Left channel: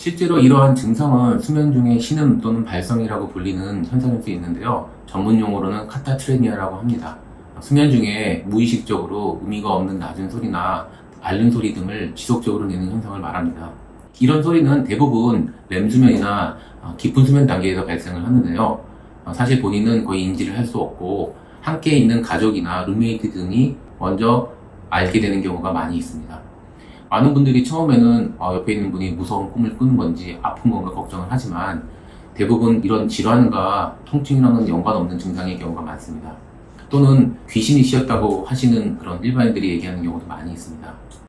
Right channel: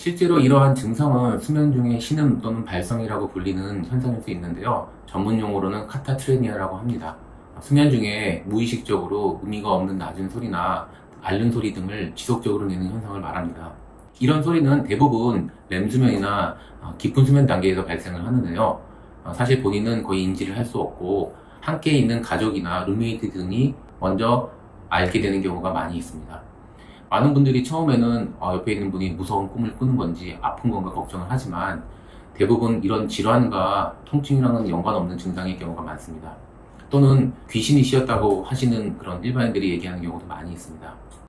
실제로 이러한 증상은 수면 중에 신음 또는 발성이라고 불리는 현상일 수 있는데요. 전문 용어로는 카타트레니아라고 합니다. 수면 중에 무의식적으로 의미가 없는 낮은 소리나 앓는 소리 등을 지속적으로 내는 현상을 말합니다. 이런 소리는 대부분 렘수면이나 깊은 수면 단계에서 발생을 하는데요. 사실 본인은 거의 인지를 할 수 없고 함께 있는 가족이나 룸메이트 등이 먼저 앓게 되는 경우가 많이 있습니다. 많은 분들이 처음에는 옆에 있는 분이 무서운 꿈을 꾸는 건지 아픈 건가 걱정을 하지만 대부분 이런 질환과 통증이랑은 연관없는 증상의 경우가 많습니다. 또는 귀신이 씌었다고 하시는 그런 일반인들이 얘기하는 경우도 많이 있습니다.